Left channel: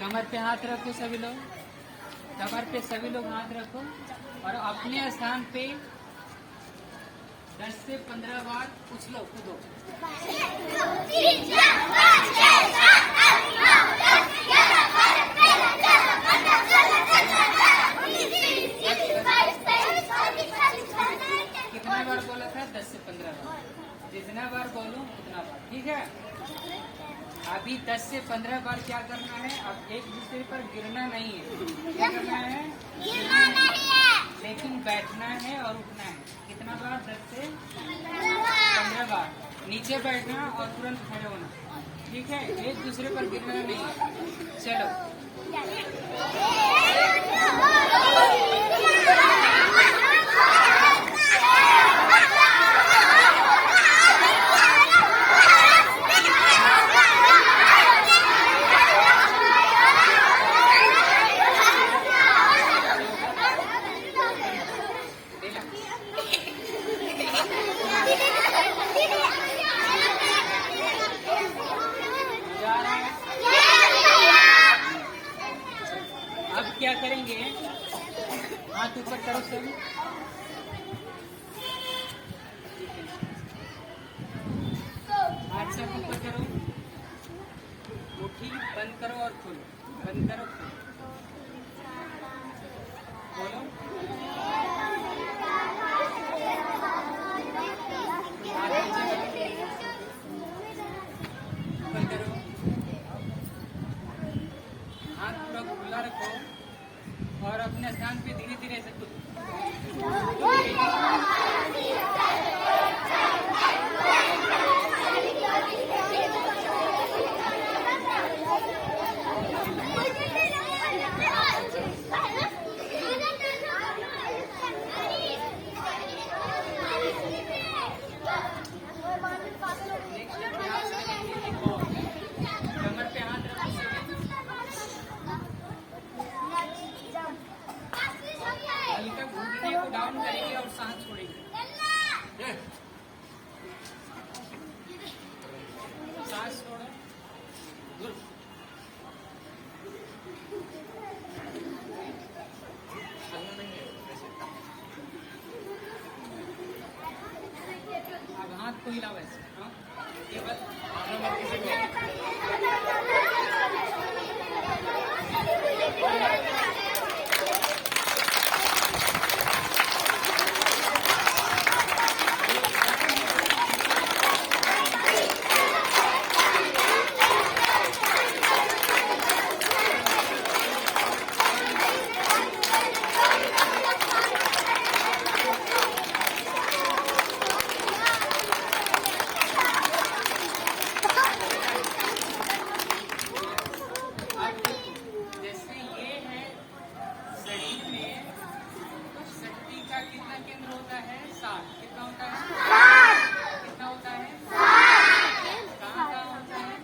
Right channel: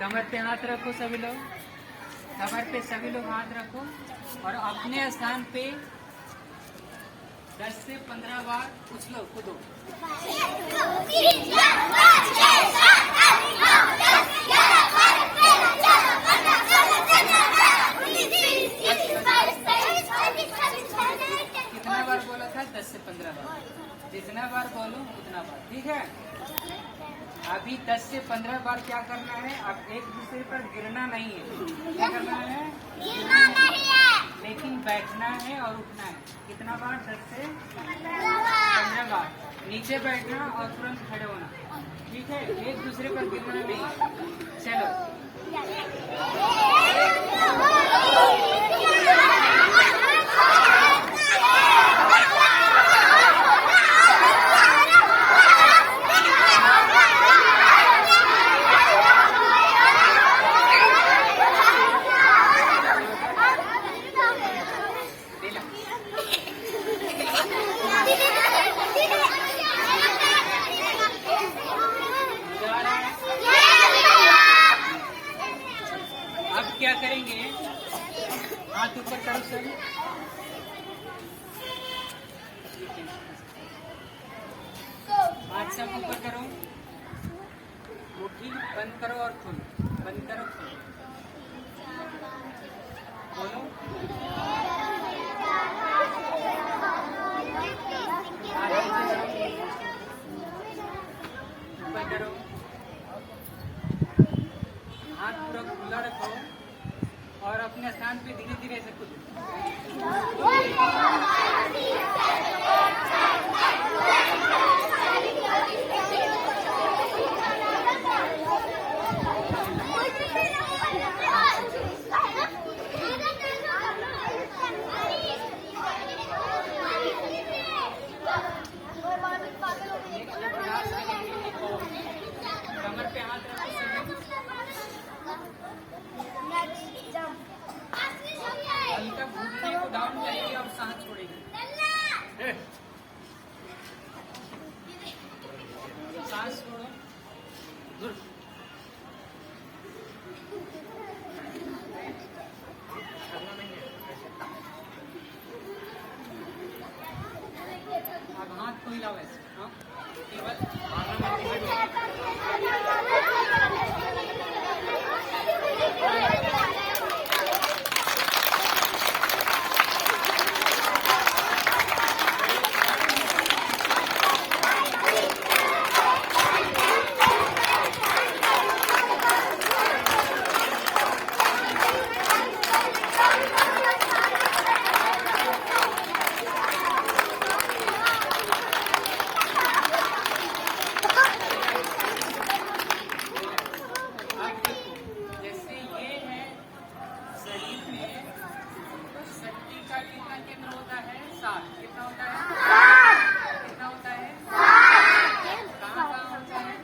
कमर पे हाथ रखो सभी लोग, कमर पे सभी लोग हाथ रखो और अपने स्थान पे 10 से 15 बार उछलो कूदो। कितना बार बोला था? 10 से 15 बार। जितना बार बोलो उतना बार, ठीक है। अभी 10 से 15 बार क्या करना है? अब एक दूसरे पर गिरना नहीं है। क्या करना है? गिरना नहीं है, लेकिन बैठना है और उठना है। कितना बार? 10 से 15 बार। नीचे बैठना और तुरंत खड़े होना, ठीक है। एक दूसरे पर गिरना नहीं है। चलो क्या करेंगे? हाथ ऊपर करो सर, हाथ सब ऊपर करो, मुट्ठी बंद करो और खोलो, बंद करो खोलो, बंद करो, हाथ पूरा खुला रखो और अपने स्थान पे धीरे धीरे से कूदो। कमर पे हाथ रखो, हल्का घुटने को डाउन करेंगे और सांस छोड़ेंगे। सांस छोड़ो, अब हाथ को हिलाओ ऐसे। कितना केंद्र होता है? 7। कितना होता है? कितना होता है? कहाँ कहाँ होता है?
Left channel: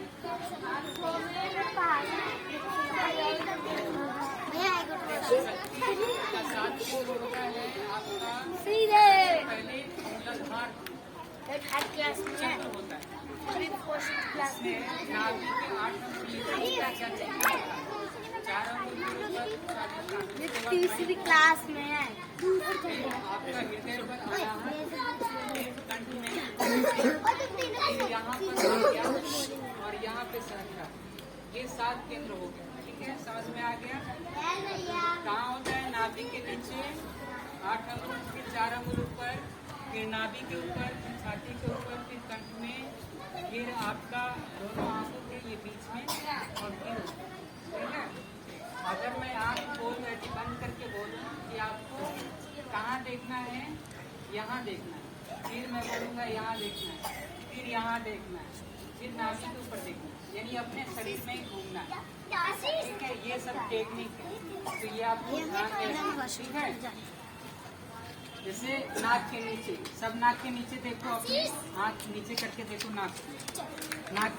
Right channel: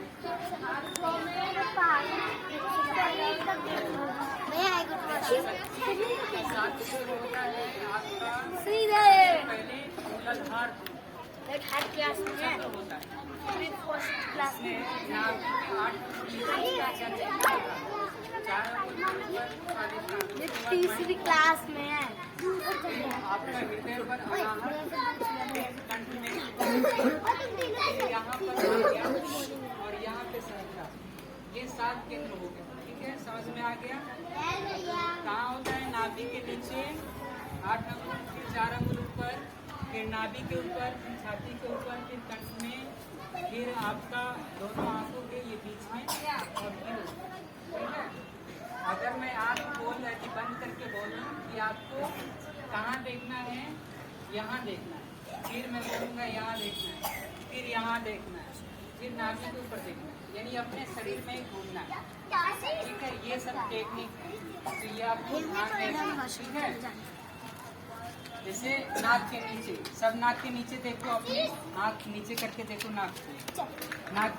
शक्ति का 7 केंद्र होता है आपका पहले मूलाधार होता है। नाभि के 8 अंगुल का क्या चलता था? 4 अंगुल तीसरी क्लास में है। आपका हृदय पर अनाहत कंठ में, फिर यहाँ पर आ गया और यहाँ पे सहस्रा। ये 7 केंद्र हो गया, ठीक है। सांस में आ गया। कहाँ होता है? नाभि के नीचे 8 अंगुल, फिर 4 अंगुल ऊपर, फिर नाभि के ऊपर, फिर छाती के ऊपर, फिर कंठ में, फिर आपका दोनों आंखों के ये बीच में और फिर, ठीक है। अगर मैं आँख खोल ऐसी बंद करके बोलूँ कि आपको कहाँ देखना है? यहाँ देखना है। फिर मैं बोलूँगा यहाँ देखना है, फिर यहाँ देखना है, फिर नाभि के ऊपर देखना है, यानी अपने शरीर में ही घूमना है, ठीक है। ये सब टेक्निक है, तो ये आपको ध्यान देना, ठीक है। जैसे नाक के नीचे, सब नाक के नीचे देखो, अपने हाथ नीचे करके देखो नाक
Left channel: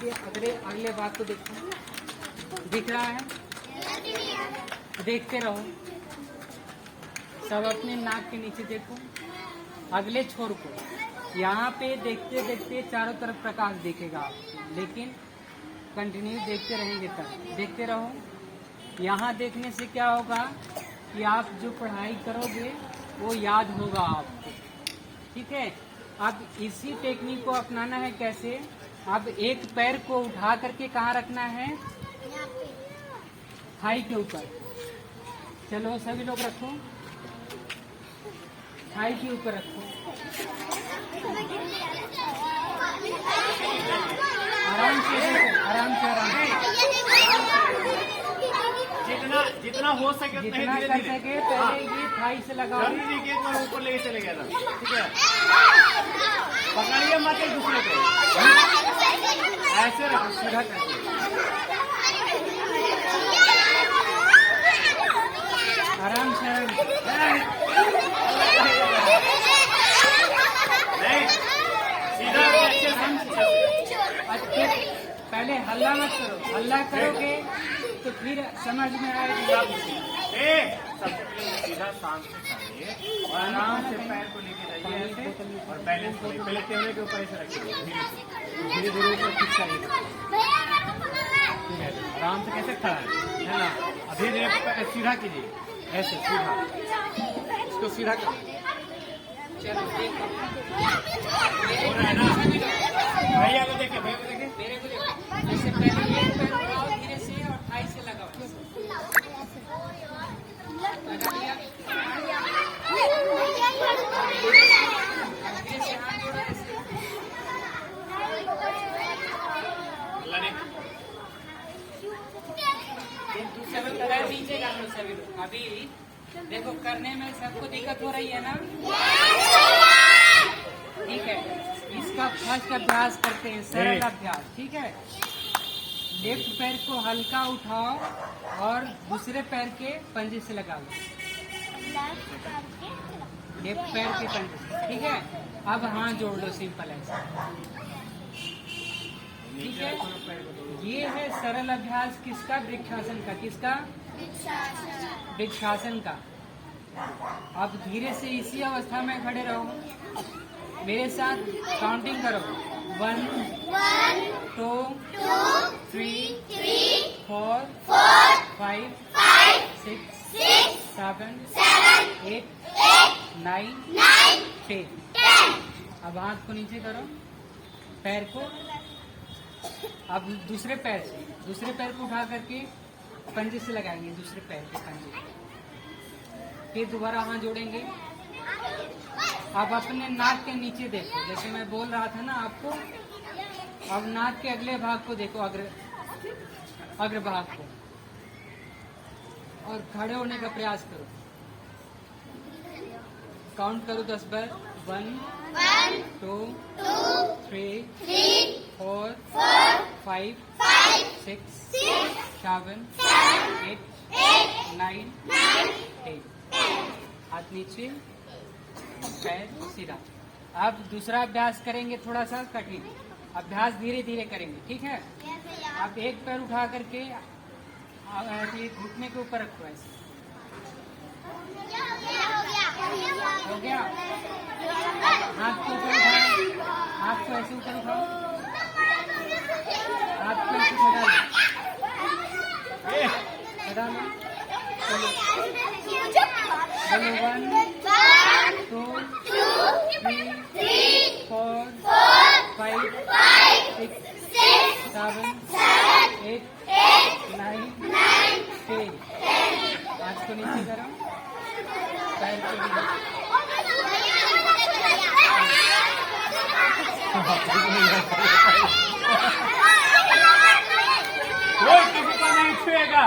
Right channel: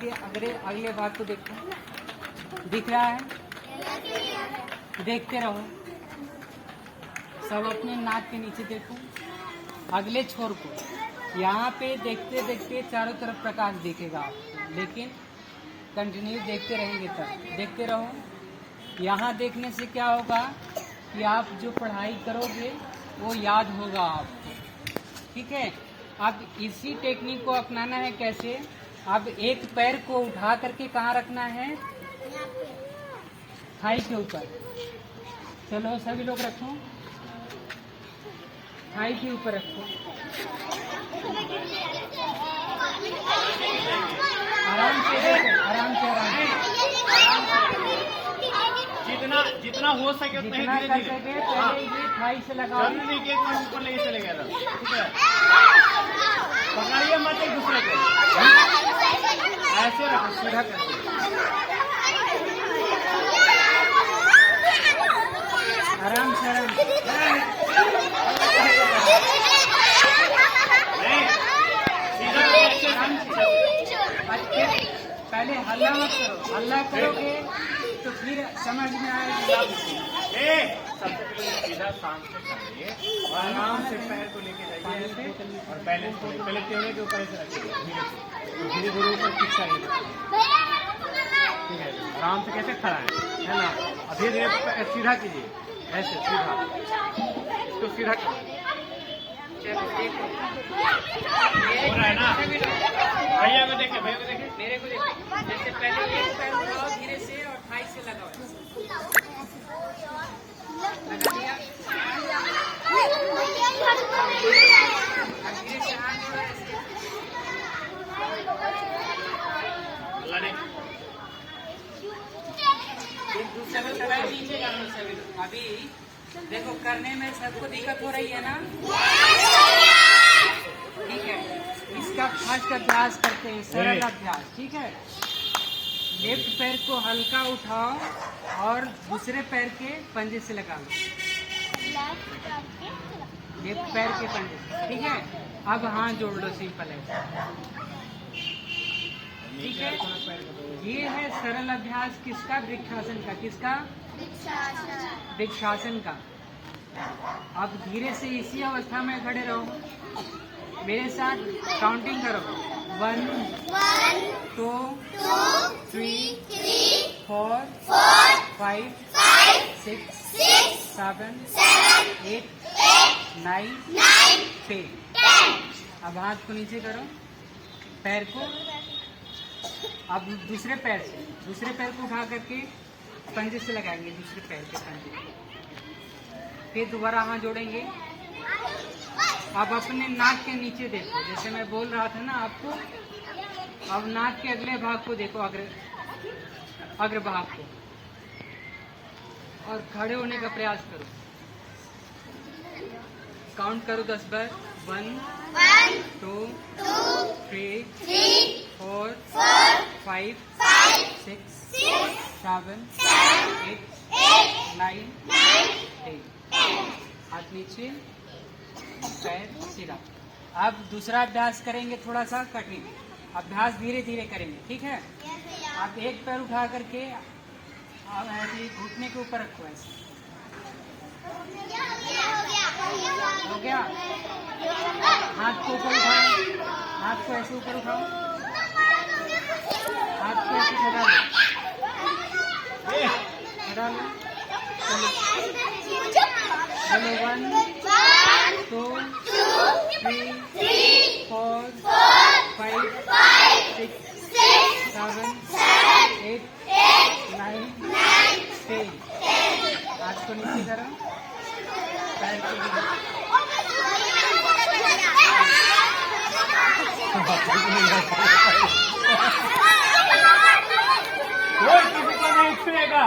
के अगले भाग को देखो, दिख रहा है? देखते रहो, सब अपने नाक के नीचे देखो। अगले छोर को यहाँ पे देखते देखते चारों तरफ प्रकाश दिखेगा आपको, लेकिन कंटिन्यू देखते रहेंगे तब। देखते रहो, यहाँ देखने से क्या होगा कि आप जो पढ़ाई करोगे वो याद होगा आपको। ठीक है, अब इसी टेक्निक को अपनाना है। कैसे? अब एक पैर को उठा करके कहाँ रखना है? थाई के ऊपर। चलो सभी लोग रखो, थाई के ऊपर रखो। आराम से देखो, आराम से, आराम से। जितना हो सके उतना जितना ही कर धीरे सके पहले ये थाई से लगाओ। जल्दी नहीं कि एक बार ऊपर लेके चले गया था। ठीक है, पकड़िए मत एक दूसरे को, ऐसे रखो, सीधा कर। आराम से, आराम से। नहीं, सीधा अच्छे से। पहले हल्ला मत करो, हल्ला करोगे तो फिर समझ में आएगा। सबसे पहले सीधा शांत से खाइए और आराम से पैर को लेके जाइए और बैलेंस को पहले टेबल के ऊपर ऐसे रखिए, धीरे धीरे ऊपर खींच चाहिए। ठीक है, आराम से कैसे खड़ा है ना? अभी धीरे सीधा कीजिए, ऐसे सीधा, इसको सीधा चलो देखो, हो रहा है ना? भैया को देखिए, भैया को देखिए, मेरे को देखो। जैसे पहले ये पैर उठाओ धीरे से और थाई से लगाओ। लगा दिया। धीरे से हाथ जोड़ो ऐसे। एक दूसरे को लगा दीजिएगा हम सभी लोग। अभी देखो करने में सबको दिक्कत हो रही है ना? ठीक है, इसका फर्स्ट अभ्यास करते हैं, सरल अभ्यास। ठीक है, लेफ्ट पैर को हल्का उठाओ और दूसरे पैर के पंजे से लगा लो। लेफ्ट पैर के पंजे से। ठीक है, अब हाथ जोड़ लो, सिंपल है। ठीक है, ये है सरल अभ्यास किसका? वृक्षासन का। किसका? वृक्षासन का। अब धीरे से इसी अवस्था में खड़े रहो, मेरे साथ काउंटिंग करो। 1 2 3 4 5 6 7 8 9 10। अब हाथ को नीचे करो, पैर को। अब दूसरे पैर को उठा करके पंजे से लगाएंगे, दूसरे पैर के पंजे। फिर दोबारा हाथ जोड़ेंगे। अब अपने नाक के नीचे देखो, जैसे मैं बोल रहा था ना आपको। अब नाक के अगले भाग को देखो, अग्र भाग को, और खड़े होने का प्रयास करो। काउंट करो 10 बार। 1 2 3 4 5 6 7 8 9 10। हाथ नीचे, पैर सीधा। अब दूसरा अभ्यास करेंगे, थोड़ा सा कठिन अभ्यास, धीरे धीरे करेंगे। ठीक है, आप एक पैर उठा करके ऐसे घुटने के ऊपर रखो, ऐसे। हो गया? हाथ को ऊपर उठाओ, हाथ को ऐसे ऊपर उठाओ, हाथ को ऐसे उठा लो, उठा लो। चलो 1 2 3 4 5 6 7 8 9 10। हाथ को नीचे करो, पैर को कोई किसी को नहीं छुएगा।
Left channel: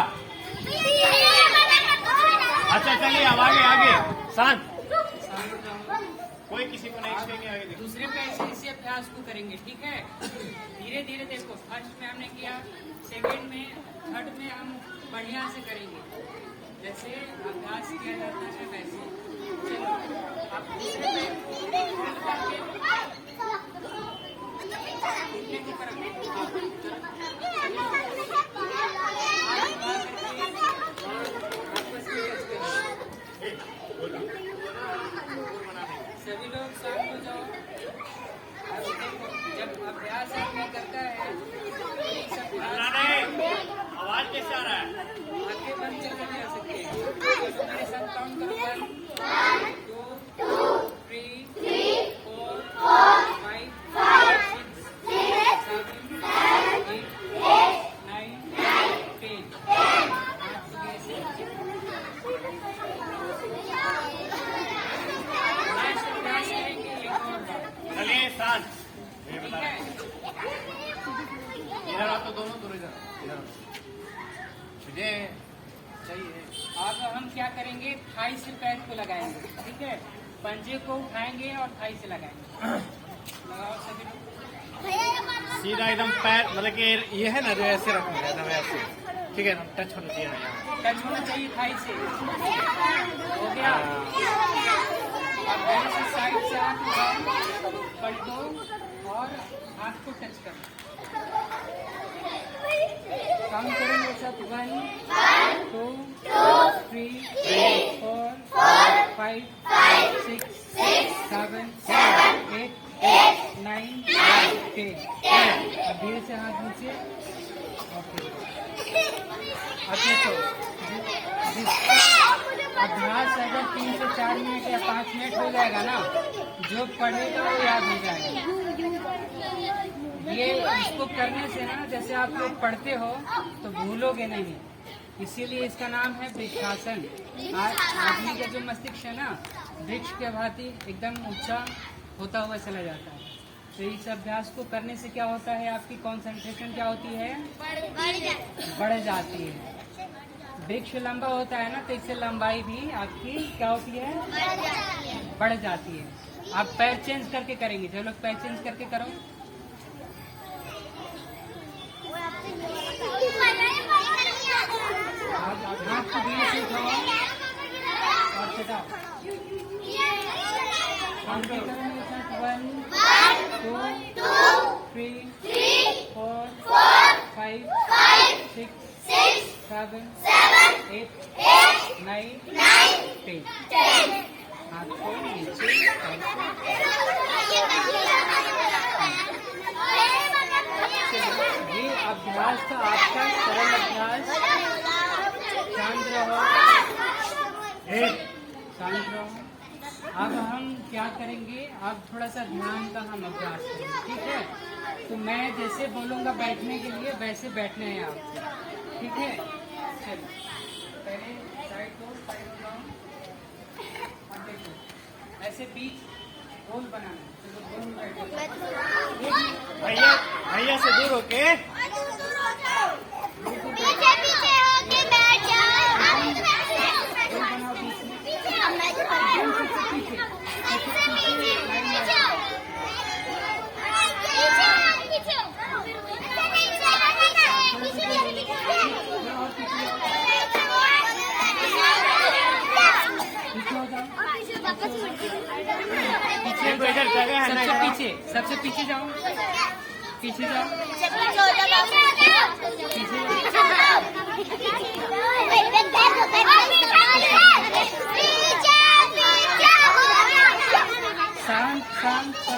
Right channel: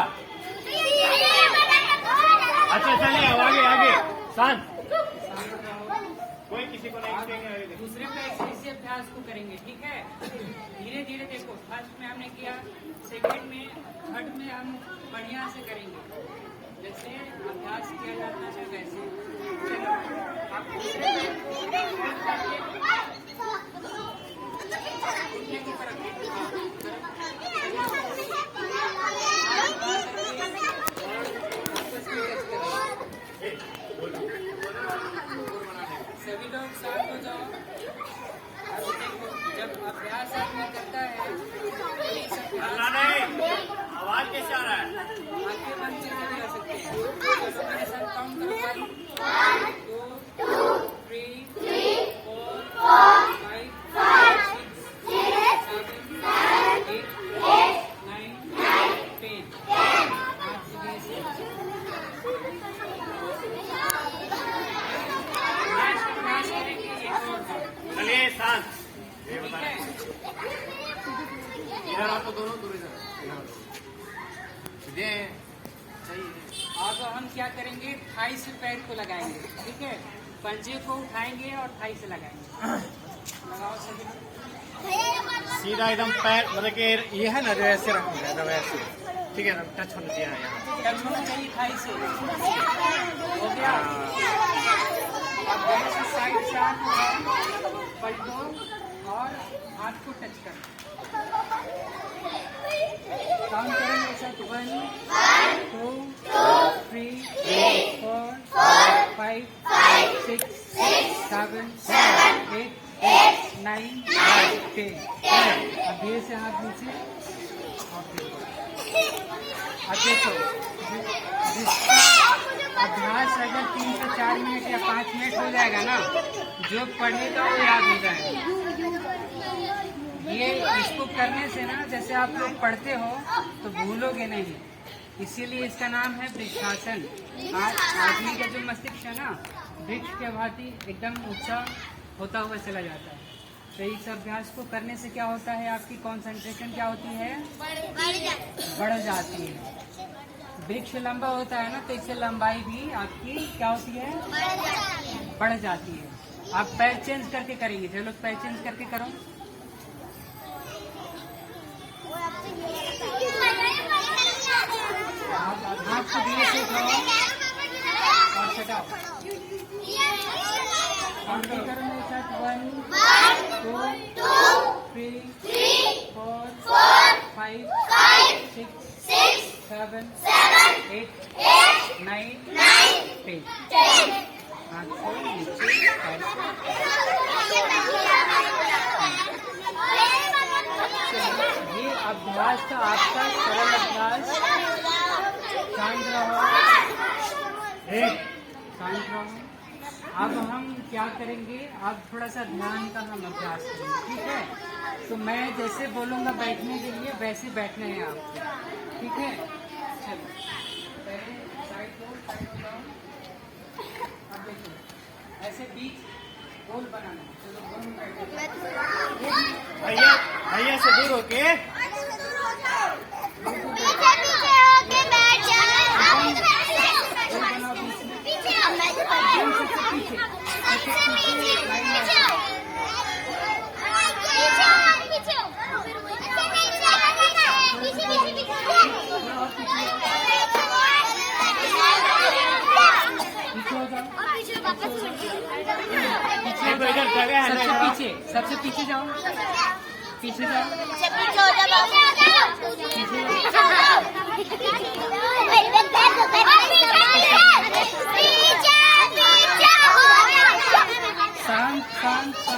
अच्छा चलिए, अब आगे शांत, कोई किसी को नहीं छुएंगे। आगे दूसरे पे ऐसे अभ्यास को करेंगे। ठीक है, धीरे धीरे देखो। फर्स्ट में हमने किया, सेकंड में, थर्ड में हम बढ़िया से करेंगे, जैसे अभ्यास किया जाता है वैसे। चलो, आप दूसरे पैर को होल्ड करके घुटने की तरफ सभी लोग शांत हो जाओ। अब देखो, जब अभ्यास आदमी करता है तो इस अभ्यास आवाज कैसा आ रहा है? आंखें बंद करके भी कर सकते हैं। चलो मेरे साथ काउंट करो 1 2 3 4 5 6 7 8 9 10। चलिए शांत। ये बता रहे हैं। इधर आप तो दोनों दूर इधर ये चाहिए। अब हम क्या करेंगे, थाई से पैर को लगाएंगे, ठीक है। पंजे को उठाएंगे और थाई से लगाएंगे। लगाओ सभी लोग। सीधा एकदम पैर, मतलब कि ये है ना जो ऐसे रखेंगे ना वैसे, ठीक है ना, टच होना चाहिए ना। टच होना चाहिए थाई से। हो गया। अब ऐसे साइड से हाथ उठाओ, पलटो और हाथ को टच करो। काउंट करेंगे साथ 1 2 3 4 5 6 7 8 9 10। अब धीरे से हाथ नीचे और फिर अब देखो, जिसका अभ्यास अगर 3 से 4 मिनट या 5 मिनट हो जाएगा ना, जो पढ़ेगा वो याद हो जाएगा। ये इसको करने से ना, जैसे आप लोग पढ़ते हो तो भूलोगे नहीं, इसीलिए इसका नाम है वृक्षासन। आदमी का जो मस्तिष्क है ना, वृक्ष के भांति एकदम ऊंचा होता हुआ चला जाता है। तो इस अभ्यास को करने से क्या होता है, आपकी कंसंट्रेशन क्या होती है, बढ़ जाती है। वृक्ष लंबा होता है ना, तो इससे लंबाई भी आपकी क्या होती है, बढ़ जाती है। आप पैर चेंज करके करेंगे, चलो पैर चेंज करके करो। हाथ को धीरे से उठाओ और छटाओ। काउंट करो मेरे साथ 1 2 3 4 5 6 7 8 9 10। हाथ को नीचे ये अभ्यास तो आपका सरल अभ्यास। शांत रहो, शांत रहो। अब हम क्या करेंगे, अब थोड़ा सा ध्यान का हम अभ्यास करेंगे, ठीक है। तो मैं जैसे बोलूँगा बैठने के लिए, वैसे बैठना है आपको, ठीक है। चलो पहले साइड लो, साइड लगाओ। अब देखो ऐसे बीच गोल बनाना है। चलो गोल में बैठो। भैया भैया से दूर होके गोल बनाओ बीच में। एकदम सबसे पीछे, सबसे पीछे लाइन में। पीछे हो जाओ, सबसे पीछे जाओ, पीछे जाओ, शांत शांत शांत।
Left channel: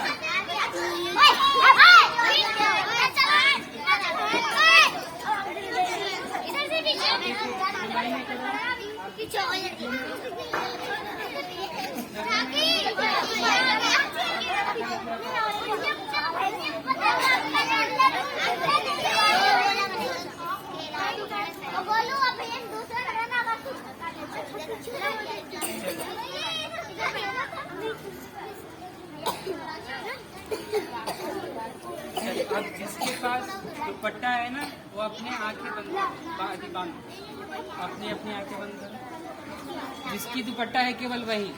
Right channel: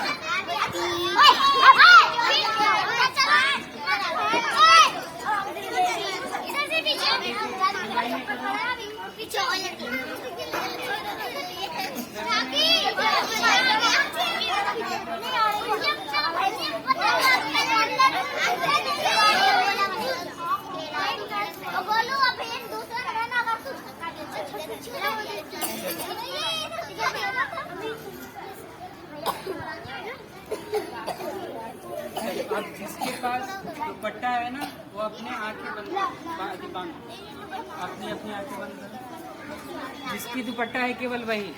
अब जिसके पास दुपट्टा है ना, वो अपने आंखें बंद बांधो, अपनी अपनी आंखें बंद करो। जिसकी दुपट्टा है केवल वही,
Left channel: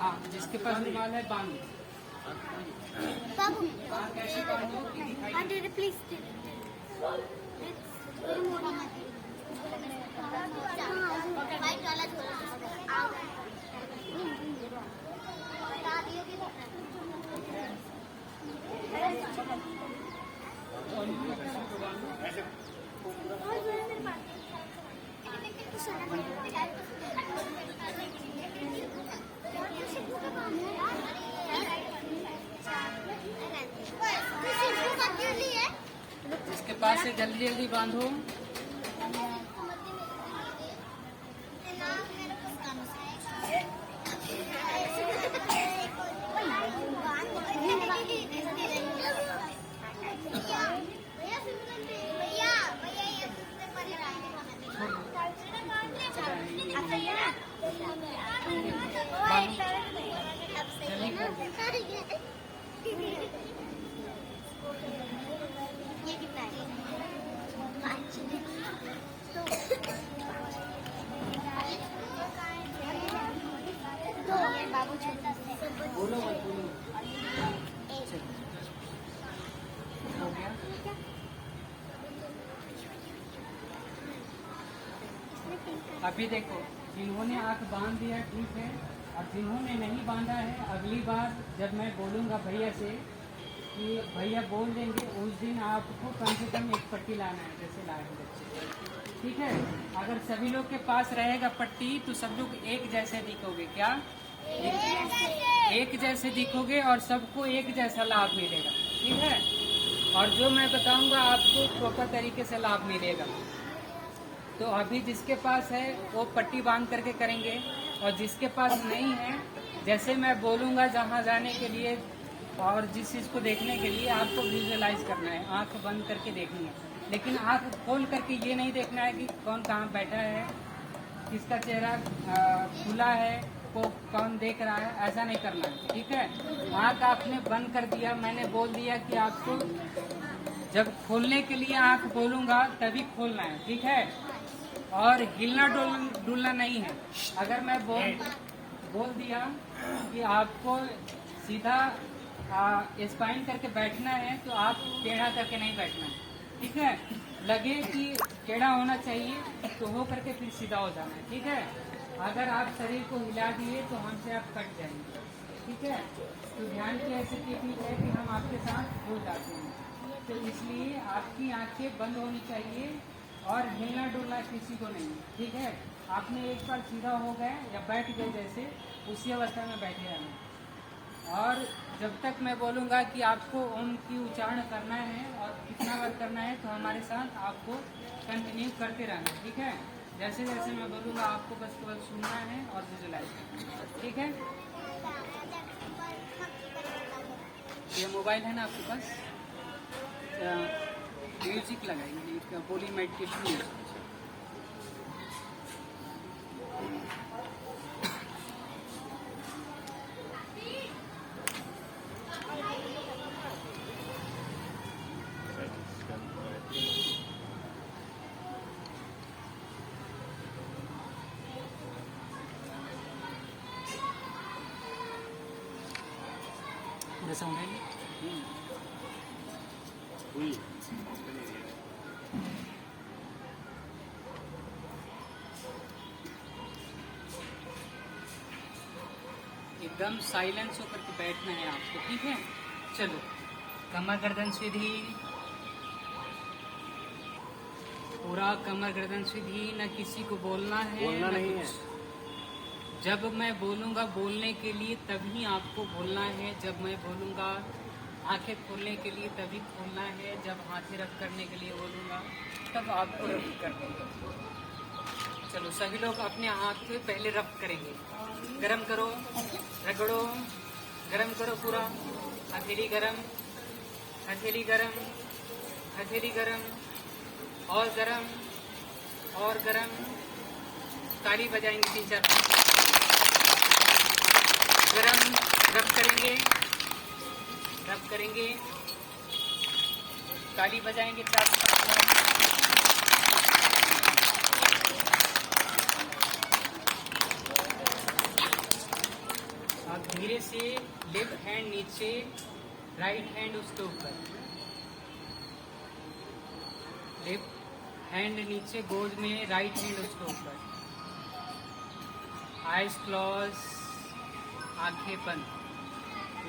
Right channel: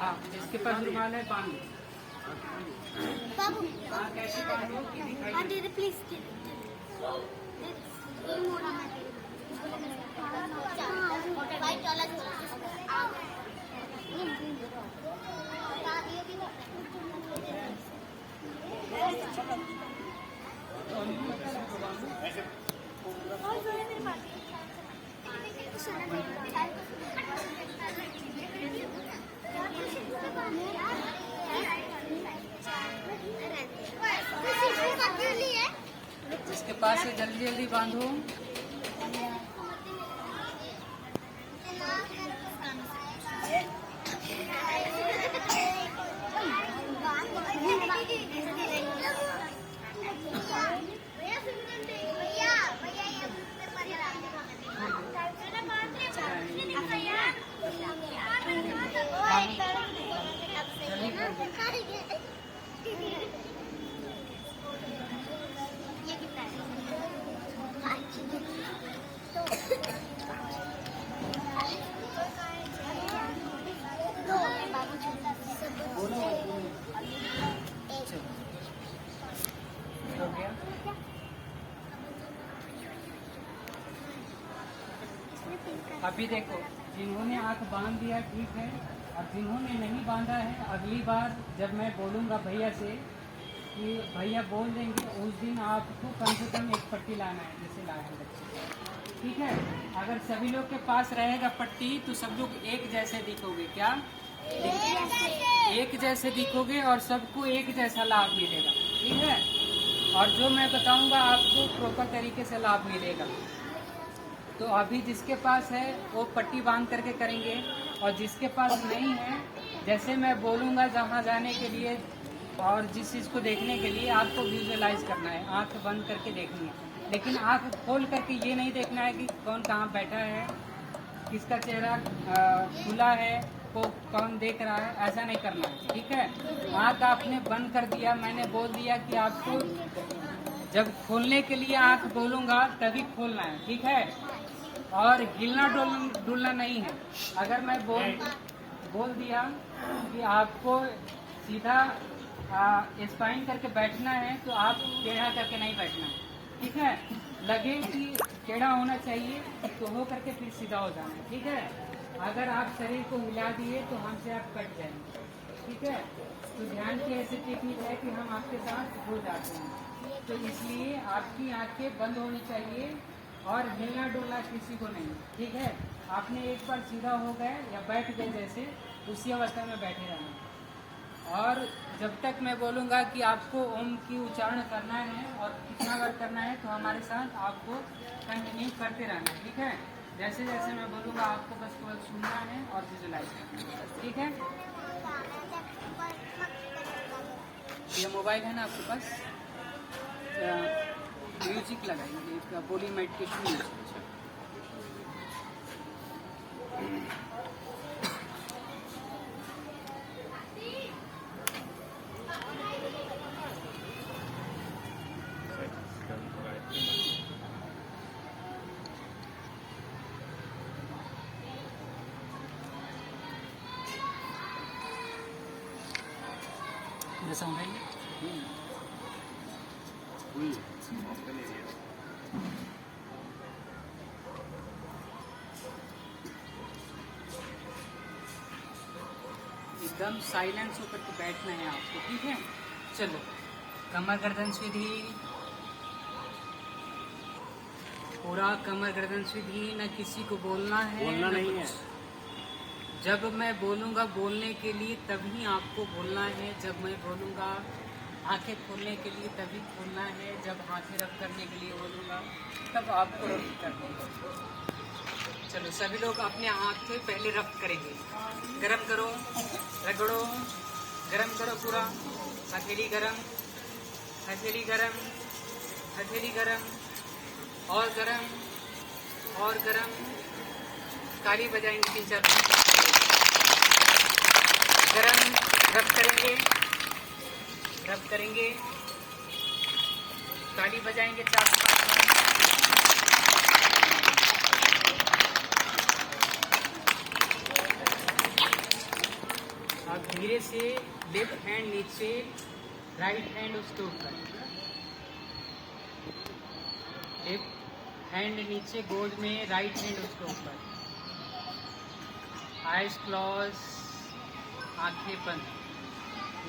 हाँ, जिसके पास रुमाल है बांधो। कैसे बांधो कि दिखाई प्लीज जिसके पास से जल्दी जल्दी बांधो। ये कितना है? बाबू छोटा बोलो मत बोलो। हो गया? अभी देखो, जिन्होंने आंख बांध दिया ठीक है, और जिन्होंने नहीं बांधा है अगली बार जब मैं बोलूँगा भैया से कि भैया बोल देंगे, उस दिन आपको कम से कम एक पट्टी लाना है, जैसे लाए हैं बच्चे। ठीक है, अगर सभी लोग के पास रहेगा पट्टी तो सब लोग एक जैसे दिखोगे। क्या एक जैसे दिखोगे और सबको एक जैसा लाभ मिलेगा। ठीक है, और जो मैं बताऊंगा आपको प्रॉपर तरीके से लाभ मिलेगा। तो अभी जिसके पास है वो पट्टी बांध करके करेंगे, और जिसके पास नहीं है, जैसे मैं बोलूँगा जहाँ जाने के लिए और जिस चीज़ को देखने के लिए आपको विजुअलाइज करना है, आंख बंद करके देखनी है। लेकिन आंख खोल करके ये नहीं देखना है कि कौन कहाँ बैठा है, किसका चेहरा खुला है, को कौन देख रहा है, ऐसा नहीं करना है। ठीक है, आंख आपने बंद कर दिया, मैंने बोल दिया कि आपको जब खोलने के लिए आंख बोलूँगा तभी खोलना है। ठीक है, और हिलना डुलना नहीं है। अगर मैं बोल दिया कि आपको सीधा स्पाइन करके बैठना है तो आप टेढ़ा करके नहीं बैठना है। ठीक है, लगे कि टेढ़ा होना चाहिए तो हो करके फिर सीधा हो जाना है। ठीक है, अगर आप शरीर को हिला दिए तो हमसे आप कट जाएंगे। ठीक है, तो ध्यान की ऐसी टेक्निक है कि हम आपके साथ हो जाते हैं, तो इसलिए आपकी आंखें बंद होनी चाहिए और हिलना डुलना किसी को नहीं। ठीक है, आपने एक बार सीधा हो गए या बैठ गए जैसे, उसी अवस्था में बैठे रहना। और जब तक मैं बोलूँगा कि आपको ओम की उच्चारण करना है और कितना बार करना है, तो हमारे साथ आपको कंटिन्यू करते रहना। ठीक है, जैसे जैसे मैं बोलूँगा आपको बस केवल सुनना है और विजुलाइज करना है। ठीक है, ये मोबाइल है ना आपके पास, म्यूजिक लगाइए, बोली मेडिटेशन म्यूजिक। साउंड है एकदम साइलेंस होकर के बैठना है आपको। ठीक है, चलो, कमर गर्दन सीधी, पूरा कमर गर्दन सीधी, न किसी को बोलना है, नहीं है। जब मैं बोलूँगा बोलने के लिए तभी आपको बोलना है, जब मैं बोलूँगा आंखें खोलने के लिए तभी खोलना है, जब हाथें रब करने के लिए बोलूँगा तब आपको रब करनी है। चलो, सभी लोग अपने हाथ पे पहले रब करेंगे। गरम करो, रगड़ो, गरम करो पूरा, हथेली गरम, हथेली गरम, हथेली गरम, और गरम, और गरम, ताड़ी बजाएंगे 3-4 गरम, रब करेंगे, रब करेंगे, ताली बजाएंगे 4। अब धीरे से लेफ्ट हैंड नीचे, राइट हैंड उसके ऊपर, लेफ्ट हैंड नीचे गोद में, राइट हैंड उसके ऊपर, आइज क्लोज, आंखें बंद,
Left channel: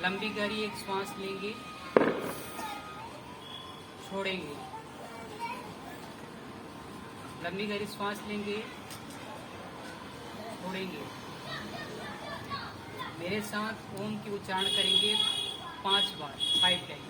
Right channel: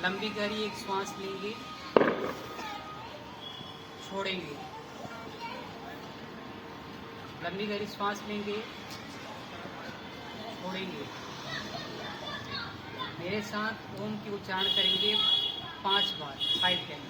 लंबी गहरी एक सांस लेंगे, छोड़ेंगे, लंबी गहरी सांस लेंगे, छोड़ेंगे। मेरे साथ ओम की उच्चारण करेंगे 5 बार, 5 टाइम।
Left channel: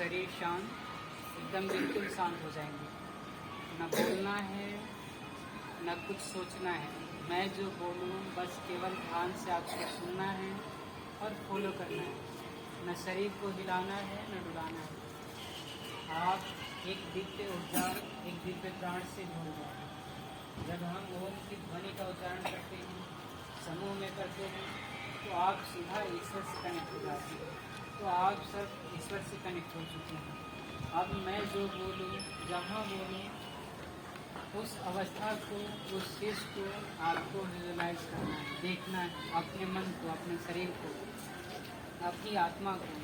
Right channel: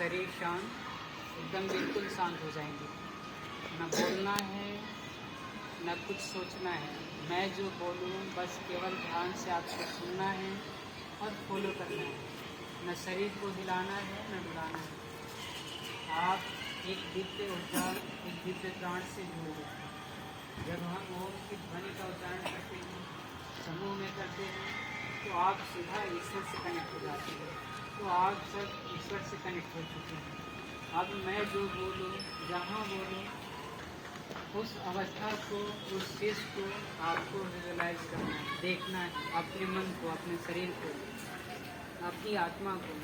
शरीर शांत, एकदम बिल्कुल शांत हो जाएंगे। न बोलना है, न कुछ सोचना है। मैं जो बोलूँ बस केवल ध्यान से आपको सुनना है और फॉलो करना है। न शरीर को हिलाना है, न डुलाना है। आप एक दिव्य ऊर्जा, एक दिव्य प्राण से जुड़ गए हैं। जब हम ओम की ध्वनि का उच्चारण करते हैं, समूह में करते हैं, तो आप सीधा ईश्वर से कनेक्ट हो जाते हैं। तो आप सब ईश्वर से कनेक्ट हो चुके हैं। अब मैं जो बोलूँ, जहाँ बोलूँ, उस अवस्था को, उस चीज़ को आपको विजुअलाइज करना है, देखना है, अपने मन को, अपने शरीर को, अपनी आत्मा को।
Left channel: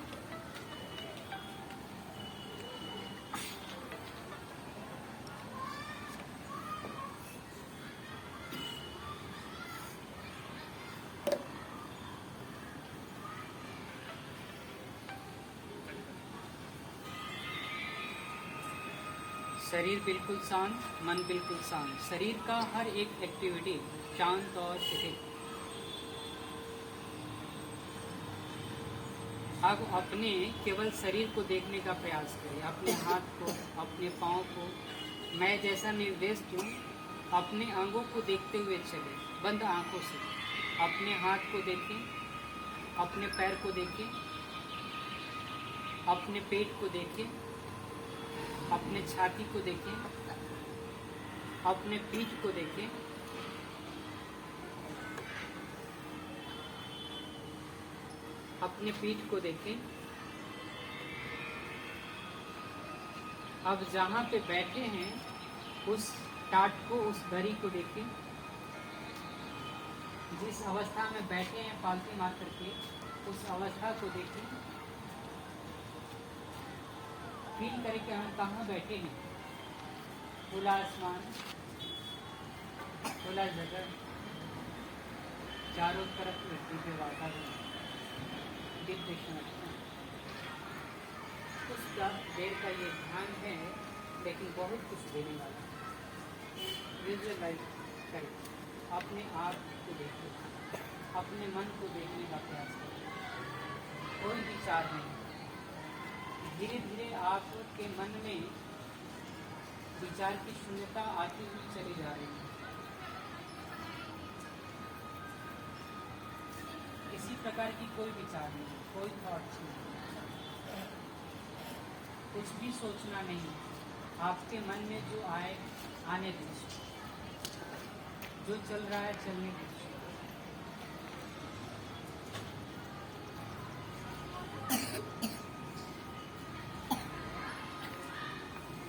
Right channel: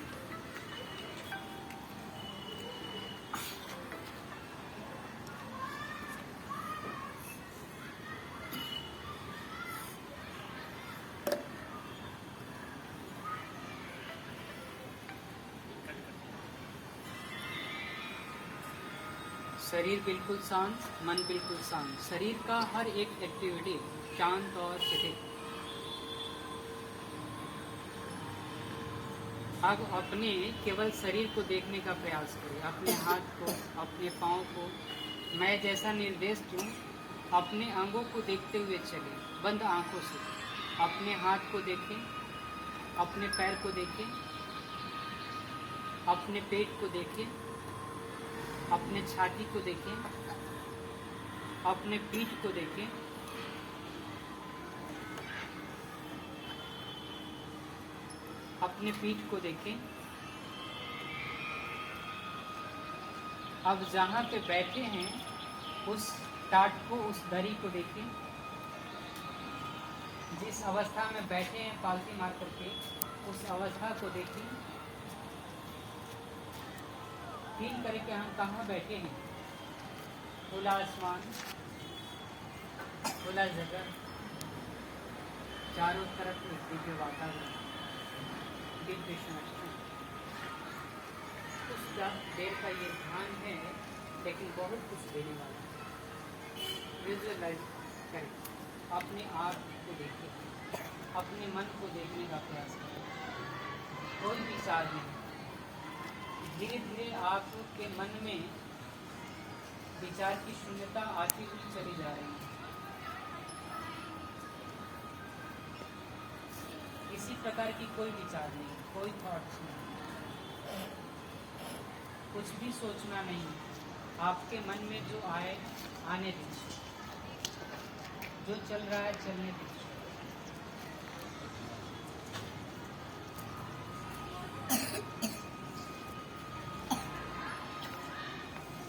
शरीर बिल्कुल शांत, मन बिल्कुल शांत। शरीर का हर एक एक्टिविटी शांत और स्थिर। अब अपने केवल शरीर को देखने का प्रयास करें, अपने हाथ को, अपने पाँव को। मैं जैसा निर्देश दूं, अपने अंगों को देखते हुए चलें, बंद आंखों से। अपने हाथ को देखें, अपने पैर को देखें, अपने पेट को देखें, अपने छाती को देखें, अपने पीठ को देखें, अपने पीठ को देखें। अब जहाँ पे बैठे हैं उस टाट को, उस दरी को देखें। जिस अवस्था में बैठे हैं पालती मार करके, उस अवस्था को देखें। फील करके हम कहाँ बैठे हैं। खुला आसमान, खुला जगह, चारों तरफ दिव्य वातावरण, दिव्य शांति। कुछ देर का ये ध्यान है, लेकिन बहुत कुछ देने वाला है। विजुअलाइज करें, अपने आप को देखें, अपने मन को देखने का प्रयास करें। कोई विचार नहीं। धीरे धीरे आपके मन में विचार की शून्यता आती हुई चली जा रही है। किसी प्रकार की कोई विचार नहीं, कोई थॉट्स नहीं, कुछ भी सोचना नहीं। आपके मन में जो आए आने दीजिए, जो चल रहा है चलने दीजिए।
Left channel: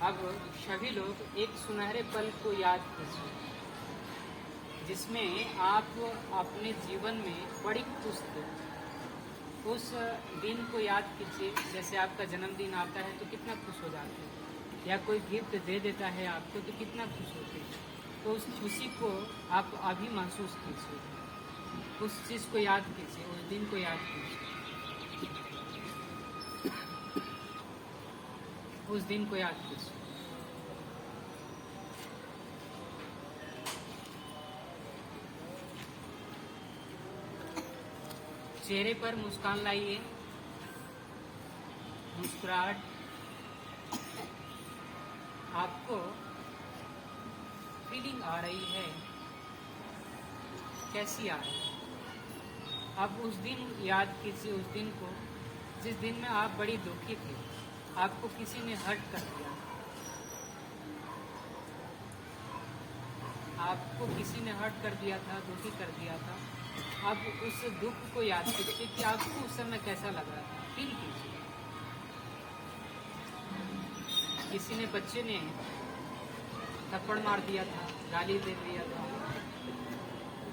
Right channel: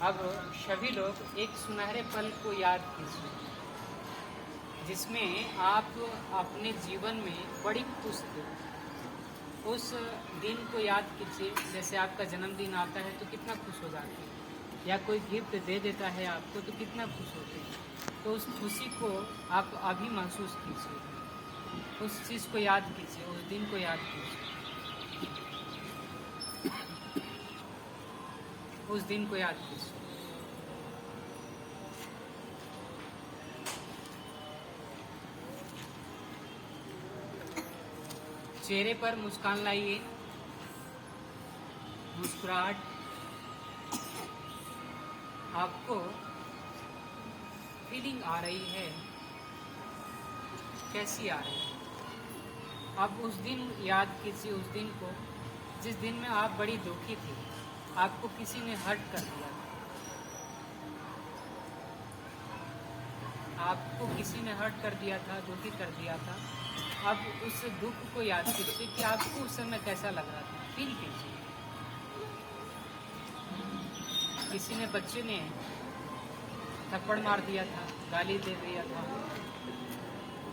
अब सभी लोग एक सुनहरे पल को याद कीजिए, जिसमें आप अपने जीवन में बड़ी खुश थे। उस दिन को याद कीजिए। जैसे आपका जन्मदिन आता है तो कितना खुश हो जाते हैं, या कोई गिफ्ट दे देता है आपको तो कितना खुश होते हैं। तो उस खुशी को आप अभी महसूस कीजिए, उस चीज़ को याद कीजिए, उस दिन को याद कीजिए, उस दिन को याद कीजिए। चेहरे पर मुस्कान लाइए। मुस्कुराहट आपको फीलिंग आ रही है, कैसी आ रही है। अब उस दिन याद कीजिए, उस दिन को जिस दिन में आप बड़ी दुखी थे, आपको किसी ने हर्ट कर दिया, आपको किसी ने हर्ट कर दिया था, दुखी कर दिया था। अब उस दुख को याद कीजिए कि आपको उस समय कैसा लग रहा था, फील कीजिए। किसी ने, बच्चे ने थप्पड़ मार दिया था, गाली दे दिया था,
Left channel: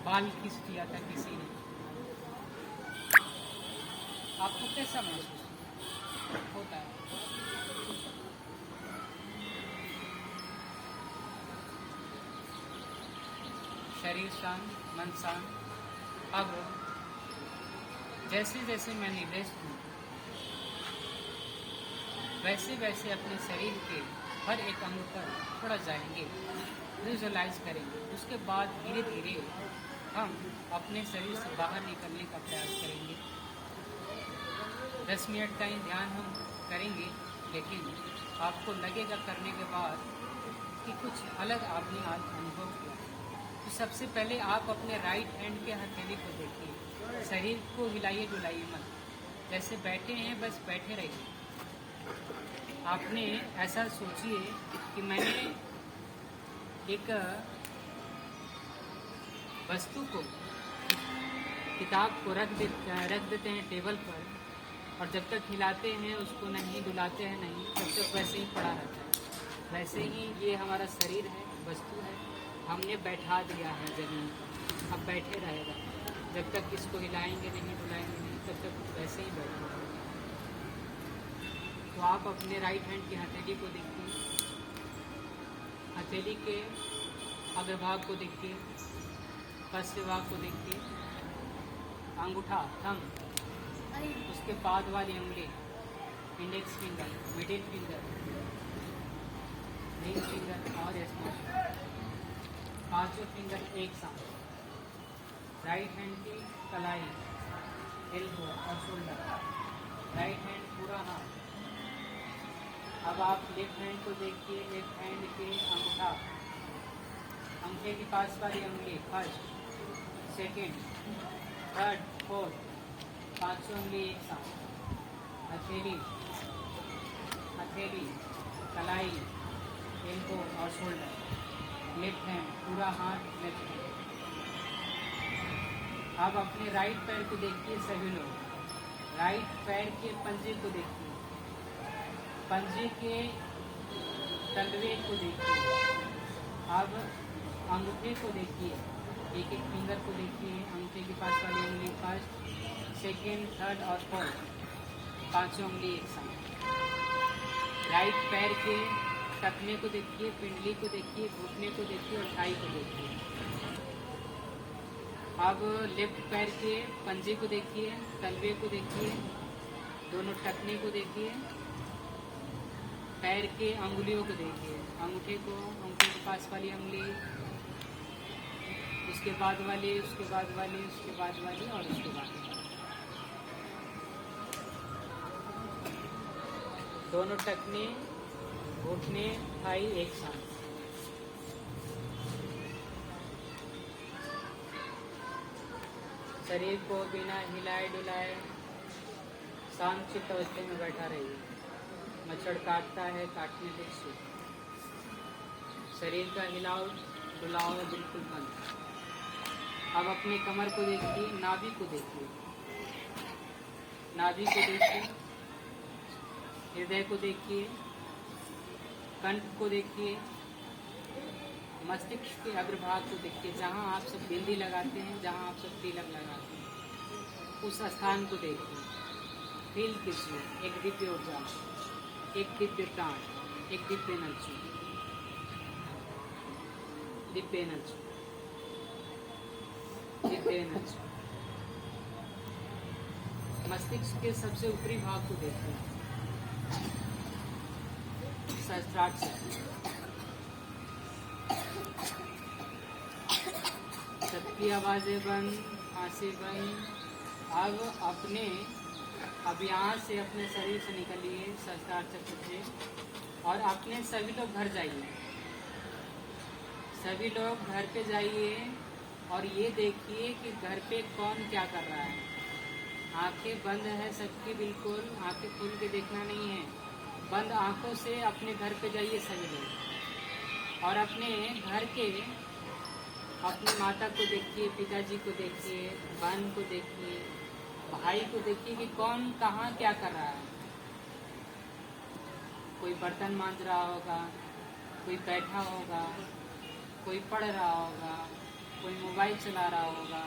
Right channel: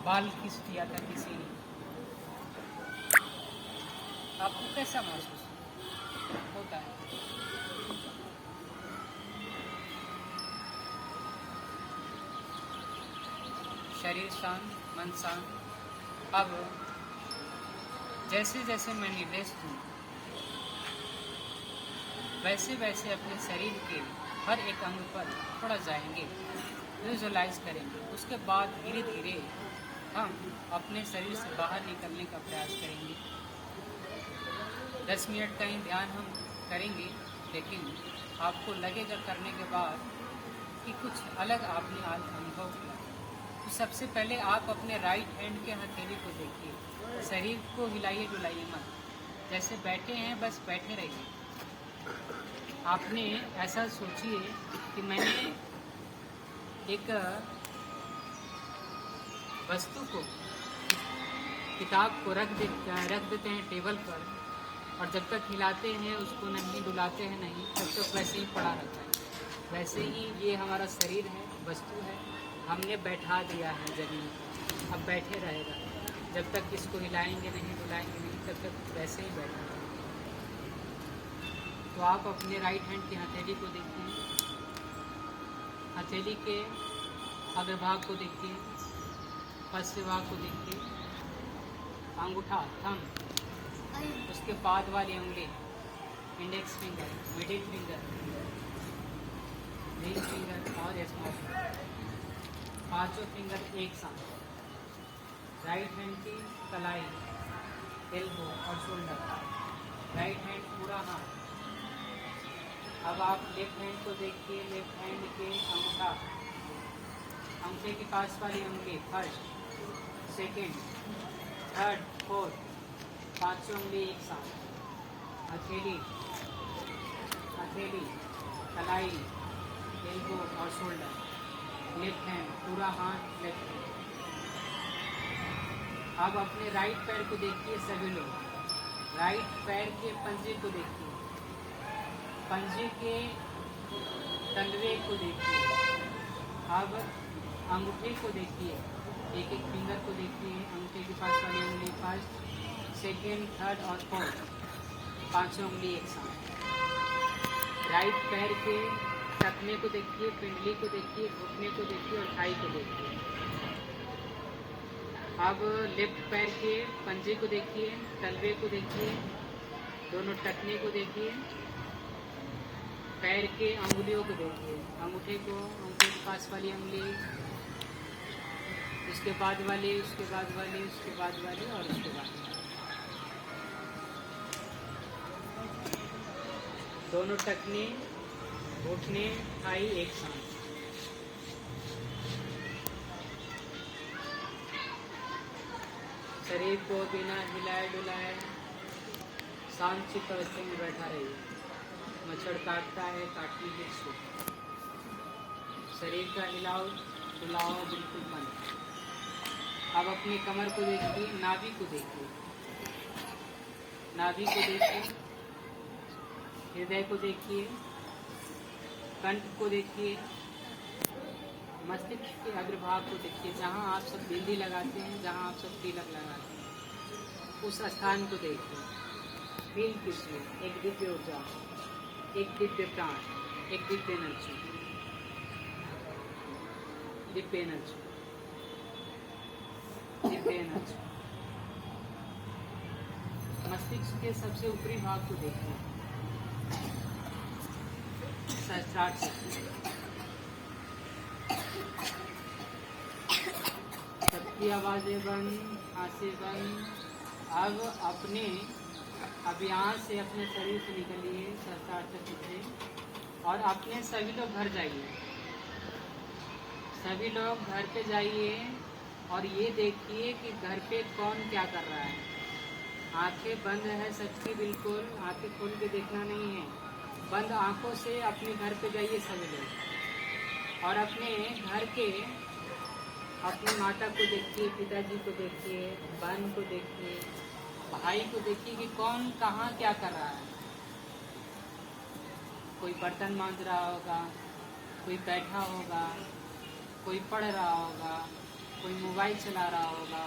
बाल खींच दिया था किसी ने, आपको कैसा महसूस होता है? शरीर शांत, मन शांत। अब जैसे जैसे मैं निर्देश दूं, वैसे वैसे अपने शरीर के हर एक अंग पर थोड़ा जाएंगे, विजुअलाइज करेंगे। उसके बाद धीरे धीरे हम अपने शरीर से बाहर निकलने का प्रयास करेंगे। 10 मिनट का ही ध्यान हम करेंगे, लेकिन आपको लगेगा करने के बाद कि कुछ अलग आपने आज अनुभव किया। तो सबसे पहले आप अपने राइट हैंड के हथेली को देखिए, शरीर को हिलाइए डुलाइए मत, जैसे बैठे हैं बस बैठे रहिए। आपने ऐसा सोचिए कि मैंने एक वस्तु को, किताब को रख देते हैं टेबल पर, और जब तक हिलाते हैं उसको नहीं, डुलाते हैं नहीं, तब तक वैसे ही पड़ा रहता है। वैसे ही ये हमारा शरीर है, वस्तु है, हमने बैठा दिया है जमीन पर, अब बैठे रहेगा। जब तक इसको हिलाएंगे नहीं, डुलाएंगे नहीं, तब तक वैसे ही बैठा रहेगा। तो आप अपने राइट हैंड की हथेली को देखिए, हथेली के अग्रभाग को देखिए, पश्च भाग को देखिए, अंगूठा थंब, उसके बाद वाली उंगली, index finger, middle finger, ring finger और स्मॉल फिंगर, पांचों फिंगर एक साथ। राइट हैंड की कलाई, एल्बो और शोल्डर, राइट हैंड पूरा हाथ। अब आप लेफ्ट हैंड को देखिए, लेफ्ट हैंड के अंगूठा, अंगूठे के पास वाली उंगली, फर्स्ट, सेकेंड, थर्ड, फोर्थ, पांचों उंगली एक साथ। हथेली, हथेली, कलाई, एल्बो और शोल्डर, लेफ्ट हैंड पूरा हाथ, लेफ्ट हैंड। अब अपने राइट पैर को देखिए सभी लोग, राइट पैर के पंजे को देखिए, पंजे के तलवे को देखिए। अब अंगूठे को देखिए, एक एक फिंगर को देखिए, अंगूठे के पास वाली उंगली फर्स्ट, सेकेंड, थर्ड और फोर्थ, पांचों उंगली एक साथ। राइट पैर के टखने को देखिए, पिंडली को देखिए, घुटने को देखिए और थाई को देखिए। अब लेफ्ट पैर के पंजे को देखिए, तलवे को देखिए, दोनों टखने को देखिए, पैर के अंगुलियों को देखिए, अंगूठे को, अंगूठे के पास वाली उंगली, उसके बाद वाली, उसके बाद वाली, उसके बाद वाली और उसके बाद वाली। दोनों टखने, घुटने, थाई एक साथ। शरीर को बिना हिलाए डुलाए शांतचित्त अवस्था में बैठा रहिए। मच्छर काटता है, काटने के सुख। शरीर का हिलाओ डुलाओ बिल्कुल बंद। अब अपने कमर को देखिए, नाभि को देखिए, नाभि को देखिए, हृदय को देखिए, कंठ को देखिए, मस्तिष्क के अग्रभाग को देखिए, जहाँ आप सब बिंदी लगाते हैं, जहाँ आप सब तिलक लगाते हैं, उस स्थान को देखिए। फील कीजिए, एक दिव्य ऊर्जा, एक दिव्य प्राण, एक Divya energy, Divya energy, Divya energy. मस्तिष्क के सबसे ऊपरी भाग को देखिए, सहस्त्रार्थ शक्ति, सबकी आवाजें बंद, आंखें बंद। अब यहाँ से अपने शरीर से निकलिए, सहस्त्रार्थ चक्र से, और अपने सभी लोग घर जाइए, सभी लोग घर पे जाइए और ये देखिए कि घर पे कौन क्या कर रहा है। आंखें बंद है सबकी, बिल्कुल आंखें खोल के देखना नहीं है। बंद आंखों से अपने घर पे जाइए सभी लोग, और अपने घर के अपनी माता को देखिए, पिताजी को देखिए, बहन को देखिए, भाई को देखिए कि कौन कहाँ क्या कर रहा है। कोई बर्तन मांज रहा होगा, कोई बैठा होगा, कोई पढ़ रहा होगा, कोई मोबाइल चला रहा होगा।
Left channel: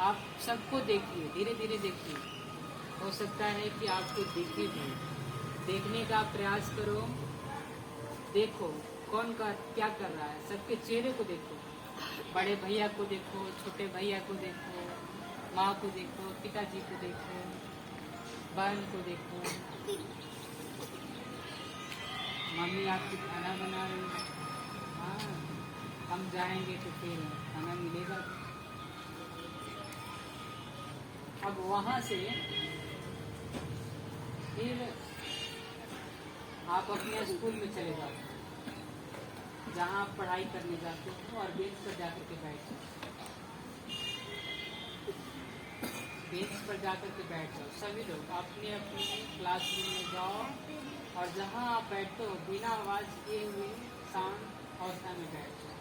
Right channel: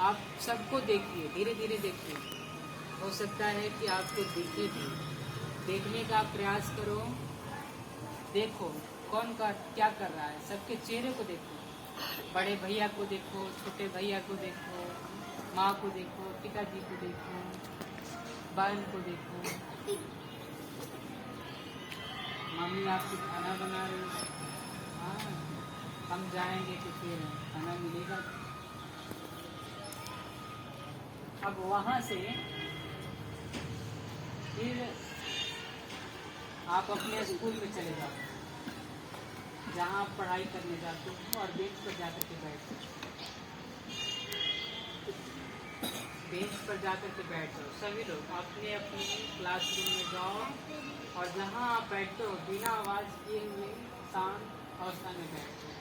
आप सबको देखिए, धीरे धीरे देखिए। हो सकता है कि आपको दिखे भी, देखने का प्रयास करो, देखो कौन का क्या कर रहा है, सबके चेहरे को देखो। बड़े भैया को देखो, छोटे भैया को देखो, माँ को देखो, पिताजी को देखो, बहन को देखो, मम्मी आपकी खाना बना रही है। हाँ, हम जाएंगे तो फिर खाना मिलेगा। अब वहाँ से फिर आप अपने स्कूल में चले जाओ, जहाँ आप पढ़ाई करने जाते हो, और बेंच पर जाकर के बैठ जाओ। बेंच पर जाकर के बैठ जाओ। सभी लोग अपने अपने क्लासरूम में जाओ और जहाँ आप बैठते हो बिना आवाज किए हुए शांत अवस्था में बैठ जाओ।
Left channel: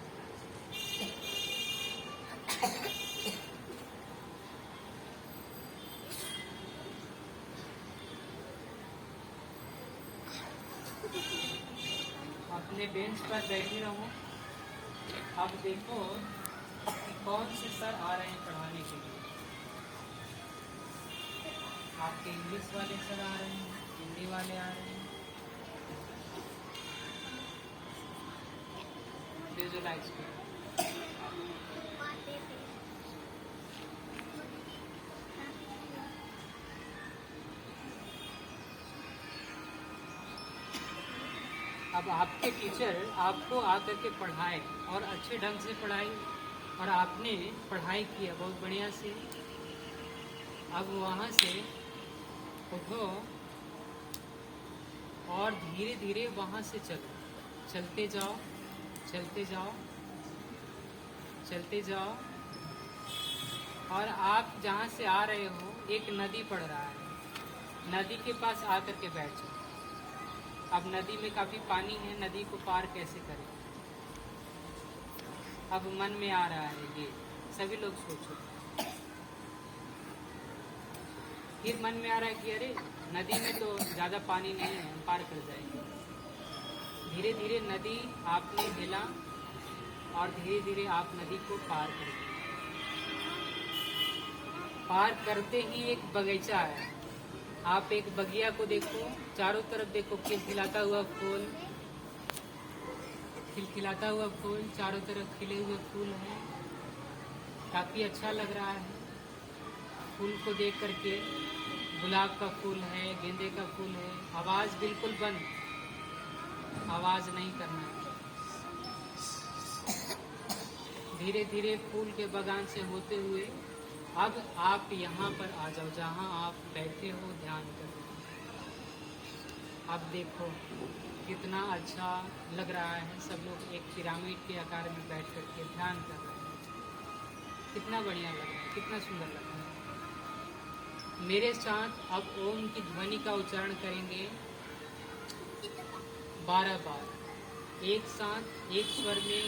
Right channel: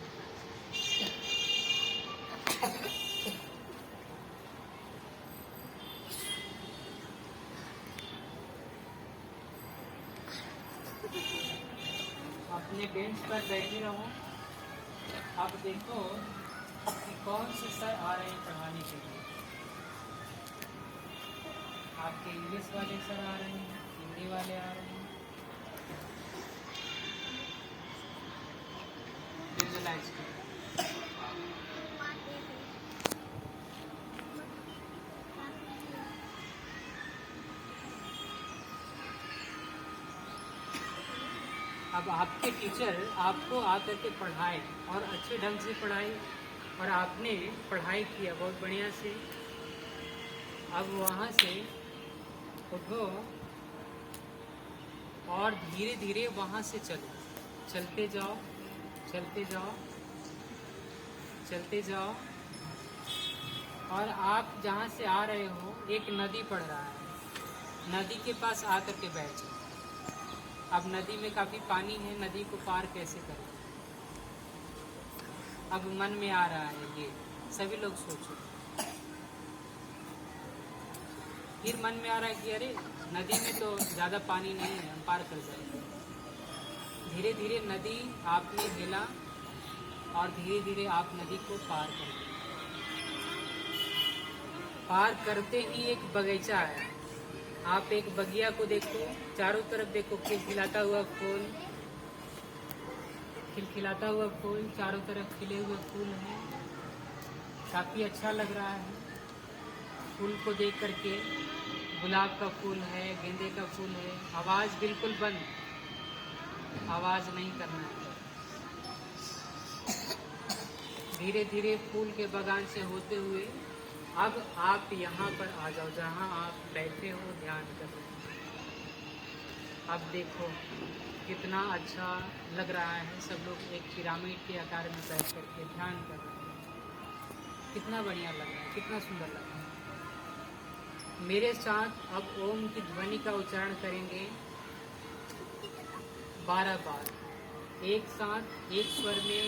अपने बेंच पर बैठे रहो। अब देखो कि कौन से सर आ रहे हैं पढ़ाने के लिए। आपके इंग्लिश वाले सर आ रहे हैं, हिंदी वाले आ रहे हैं। विजुअलाइज करो। अब आपके टीचर आपको आकर के पढ़ाए और अच्छे ढंग से पढ़ाए, और आपने पढ़ाई किया बहुत बढ़िया से। अब वहाँ से उठो और धीरे धीरे वहाँ से चलो, चलते जाओ, चलते जाओ, चलते जाओ। और आप जहाँ से आ रहे हो एक नदी पड़ रहा है, नदी के पास आकर के बैठ जाओ। अब नदी में काफी पानी है, नदी को पार कैसे करें? अब मन में आ रहा है ये, सभी लोग सोचो। फिर मन में आ रहा है कि अरे नदी में तो ज्यादा पानी नहीं है, हम पार कर जाएंगे। धीरे धीरे नदी आपने हिला और धीरे धीरे आप नदी को पार कर गए। पार करते ही एक बगीचा है। आप एक बगिया को देखो, चारों तरफ देखो, खिलखिलाता हुआ फूल, खिलखिलाता हुआ फूल, चारों तरफ खिले हुए फूल हैं। काफी अच्छा लग रहा है फूल को देख करके। गुलाब का फूल है, गेंदे का फूल है। आवाज बिल्कुल बंद, आवाज नहीं करना है। धीरे धीरे फूल के बगान से होते हुए अब आप यहाँ पर आ जाओ, जहाँ आप बैठे हो ध्यान कर रहे हो। अब देखो कितना अच्छा लग रहा है। सब लोग एक पिरामिड के आकार में बैठ करके ध्यान कर रहे हैं। कितना बढ़िया लग रहा है, कितना सुंदर लग रहा है। मेरे साथ अब ओम की ध्वनि का उच्चारण करेंगे 12 बार एक साथ, एक स्वर में।